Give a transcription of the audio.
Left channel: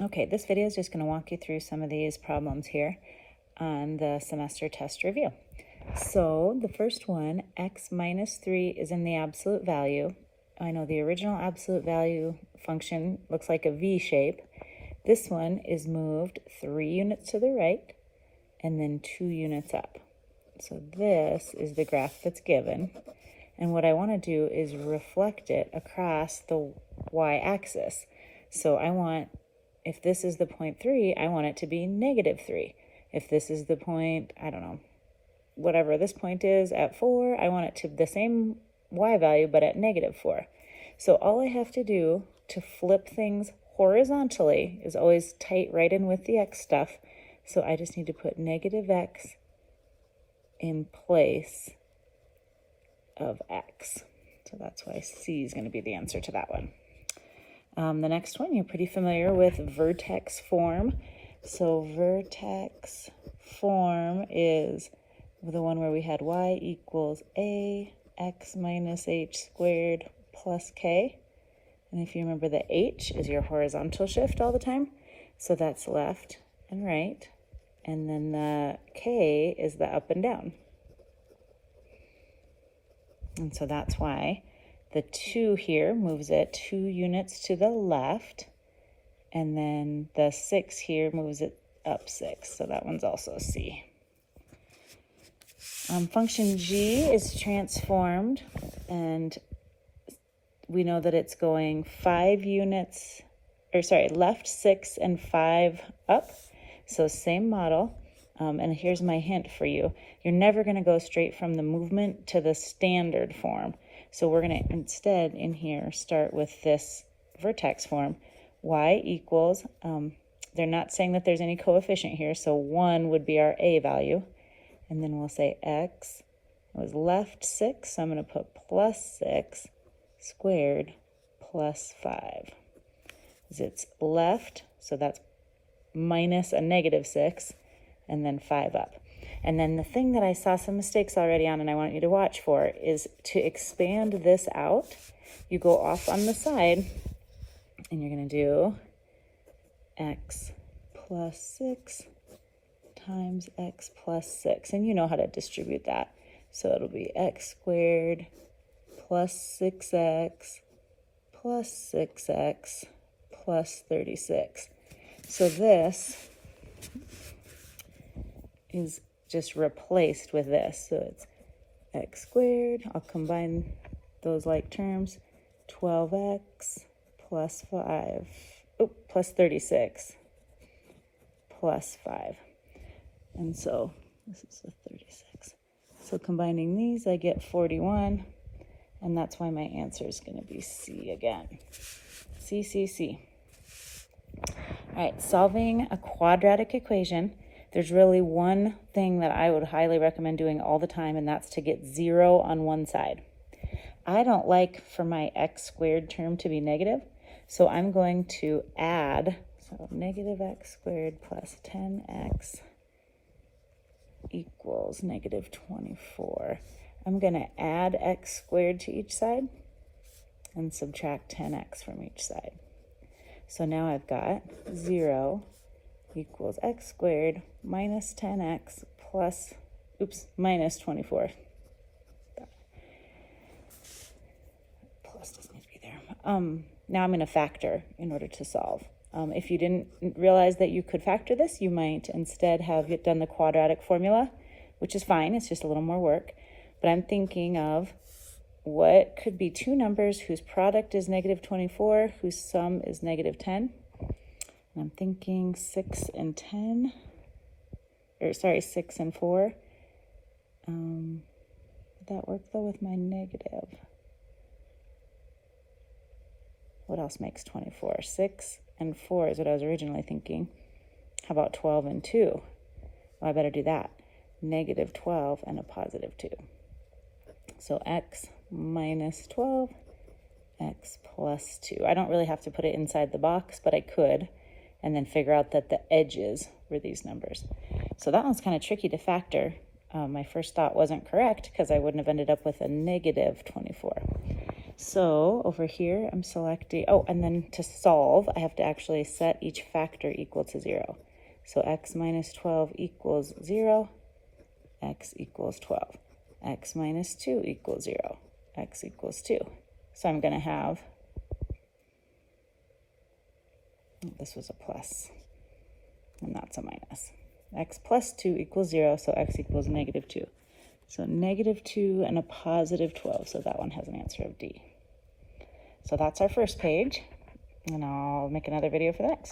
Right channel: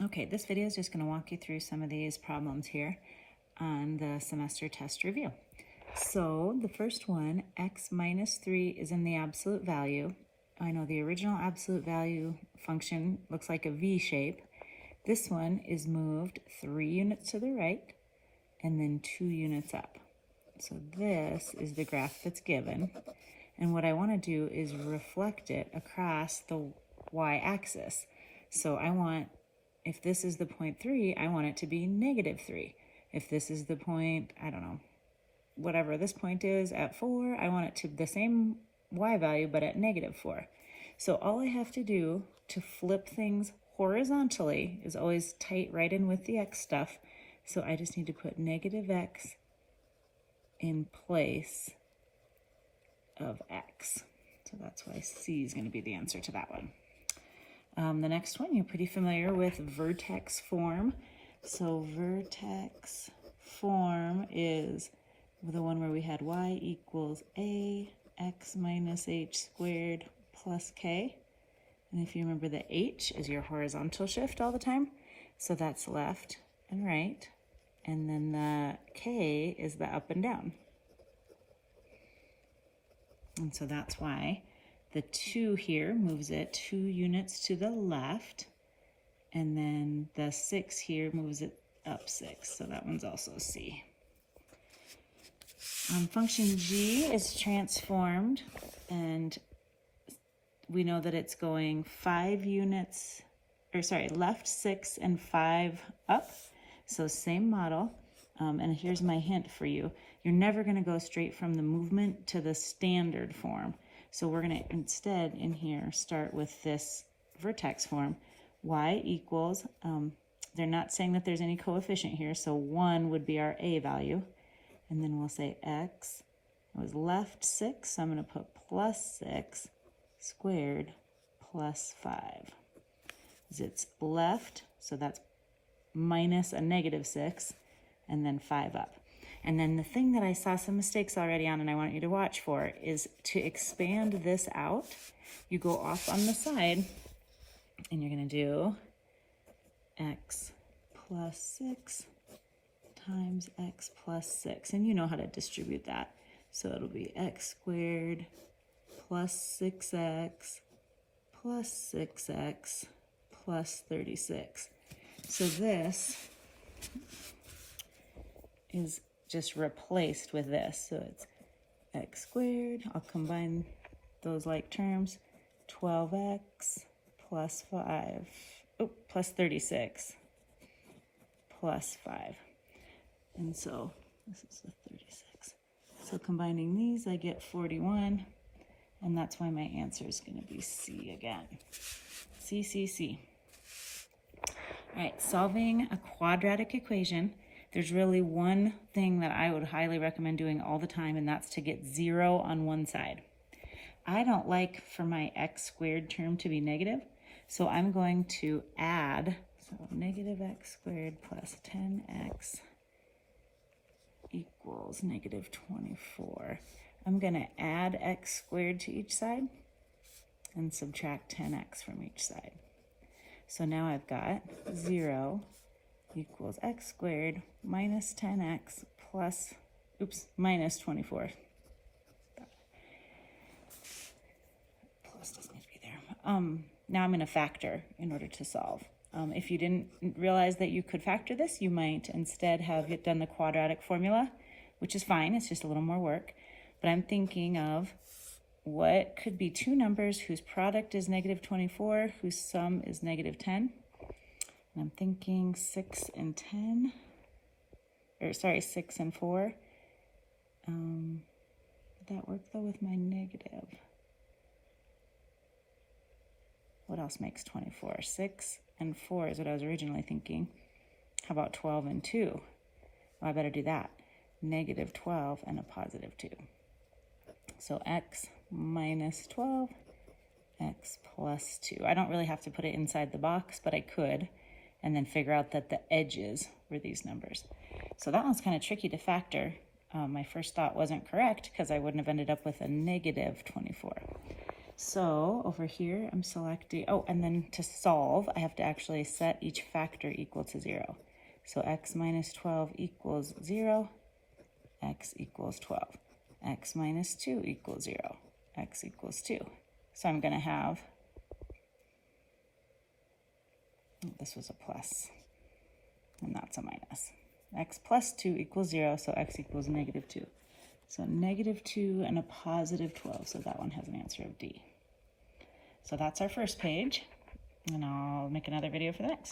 Okay, this video is just going to walk you through some of these problems here on the semester test review. So the first one, x minus 3 is in the absolute value. I know the original absolute value function looks like a V shape. This one is moved 3 units to the right and then 2 units up. So this is the graph that's given. And what I want to do is reflect it across the y-axis. So I want, if this is the point 3, I want it to be negative 3. If this is the point, I don't know, whatever this point is at 4, I want it to the same y value but at negative 4. So all I have to do to flip things horizontally is always tight right in with the x stuff. So I just need to put negative x in place of x. So that's why C is going to be the answer to that one. The next one, you're pretty familiar with vertex form. So vertex form is the one where we had y equals a x minus h squared plus k. And if you remember, the h is your horizontal shift all the time. So that's left and right. And then the k is the up and down. And so that's why the 2 here moves it 2 units to the left. And then the 6 here moves it up 6. So that one's also C. Function g is transformed. And we know that it's going 5 units, left 6 and 5 up. So same model. And here's my hint for you. You're never going to go straight from the movement to the standard form. So we're going to instead in here start with this vertex form. Y equals, they're not saying that there's any coefficient here, so 1 would be our A value. And then we'll say x was left 6, so I'm going to put plus 6 squared plus 5. It's left, so that's minus a negative 6, and then 5 up. And then the thing that I saw some mistakes already on and I want you to watch for is to expand this out. You go off on the side and you're going to do x plus 6 times x plus 6. And you know how to distribute that. So it'll be x squared plus 6x plus 6x plus 36. So this is just replaced with this. So it's x squared. I'll combine those like terms. 12x plus 36 plus 5. And so this is a 36. So combining these, I get 41. And that's why my answer is going to be C again. C, C, C. All right, solving a quadratic equation. There's really one thing that I would highly recommend doing all the time, and that's to get 0 on one side. I don't like for my x squared term to be negative, so I'm going to add, so negative x squared plus 10x equals negative 24. I'm going to add x squared to each side and subtract 10x from each side. So now I've got 0 equals x squared minus 10x plus, minus 24. Plus doesn't need to be there. Now I'm going to factor in order to solve. If you didn't realize that you could factor this, you might instead have done the quadratic formula, which is fine. It's just a little more work. But I'm thinking of what could be two numbers whose product is negative 24, whose sum is negative 10. And I'm thinking 6 and 10, 6 and 4. Would that work though with my negative? What else makes 24? 6 and 4 is what I was originally thinking. How about 12 and 2? Well, I better do that. Negative 12 and a positive 2. So x minus 12, x plus 2. I don't really have to put it inside the box, but I could, and then figure out that the edges were these numbers. So that one's kind of tricky to factor. My first thought wasn't correct because I wouldn't have ended up with a negative 24. So over here, I'm selecting, oh, and then to solve, I have to actually set each factor equal to 0. So x minus 12 equals 0, x equals 12. X minus 2 equals 0, x equals 2. So I'm going to have, this was a plus, and that's a minus. X plus 2 equals 0, so x equals negative 2. So negative 2 and a positive 12, so that one has an answer of D. So that's our first page, and I'll make another video for the next.